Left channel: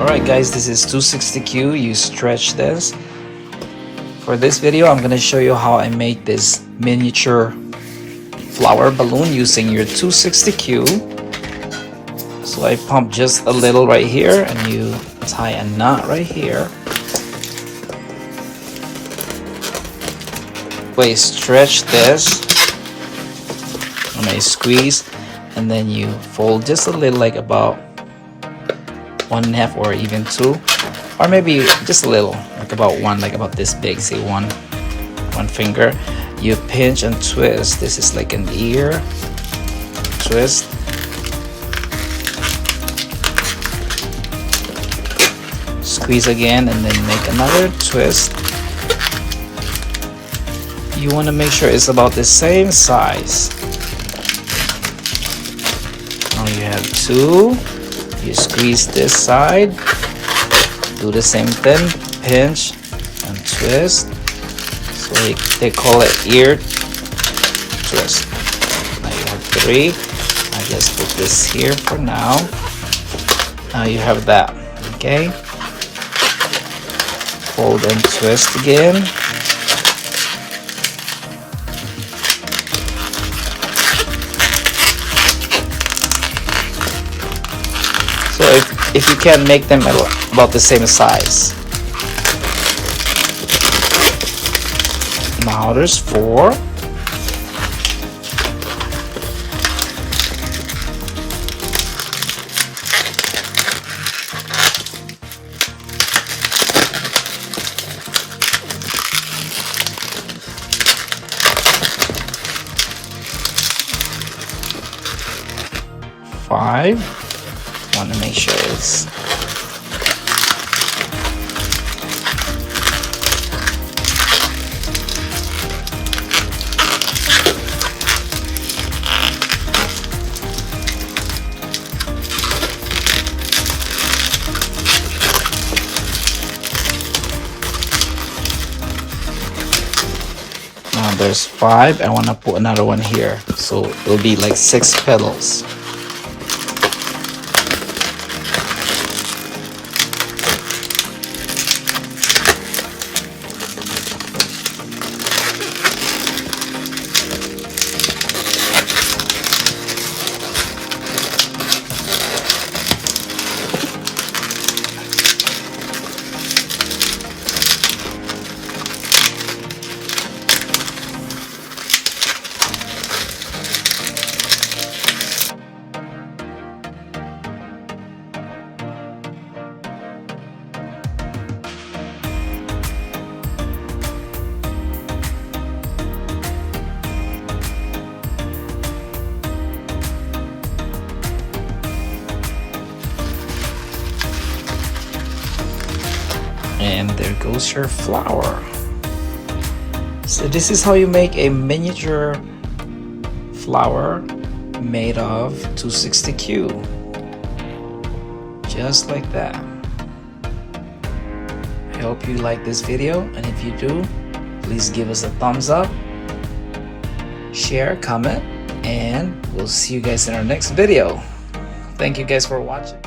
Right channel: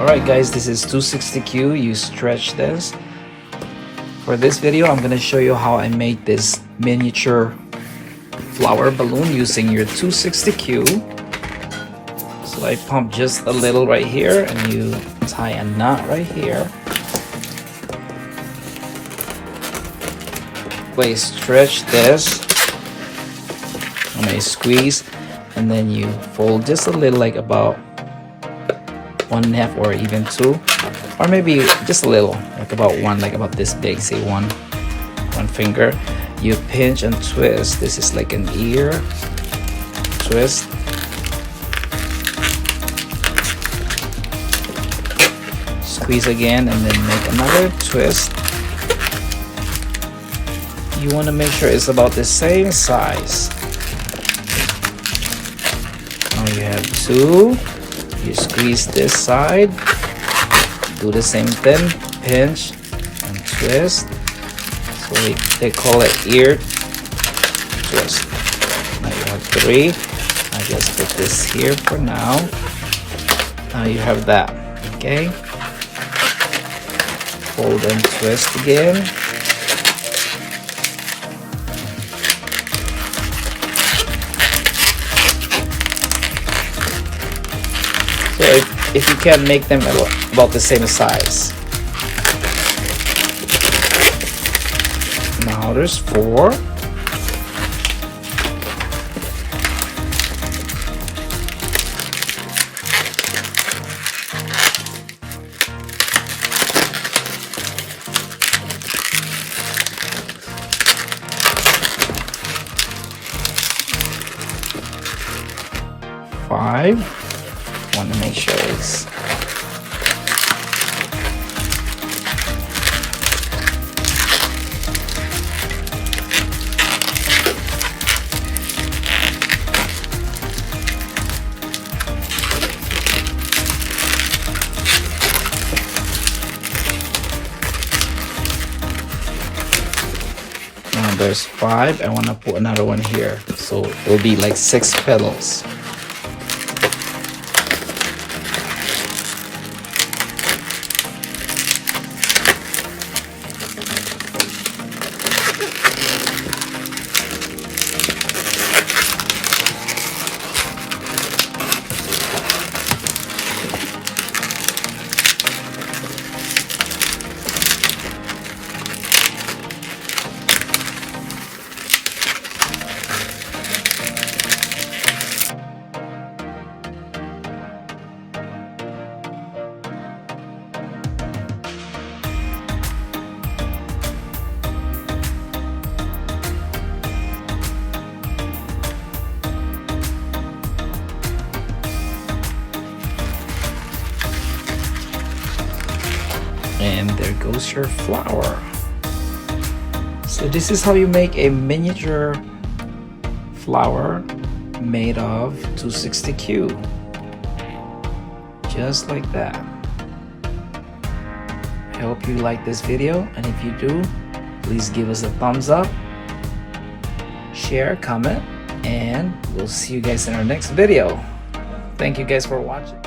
Alright guys, this is 260Q. You stretch this. For this video, I'm gonna show you how I make this miniature flower balloon using your 260Q. So I pump just a little right here and you tie a knot right here. You stretch this and I squeeze, and then you fold just a little, like about 1.5 or even 2, or maybe just a little, like about 1, like about this big, say one finger. You pinch and twist. This is like an ear twist. Squeeze again and then make another twist. You want to make sure it's about the same size. Now you have 2. You squeeze this side. Do the same thing. Pinch and twist. So they call it ear twist. Now you have 3. I just put this here for now. Now you have that. Okay. Fold and twist again. So if you can make them about the same size. Now there's 4. Five. Want to make sure it's now there's 5. I want to put another one here, so it'll be like 6 petals. And there goes your flower. So this is how you make a miniature flower made of 260Q. Just like that. I hope you like this video, and if you do, please give us a thumbs up, share, comment, and we'll see you guys in our next video. Thank you guys for watching.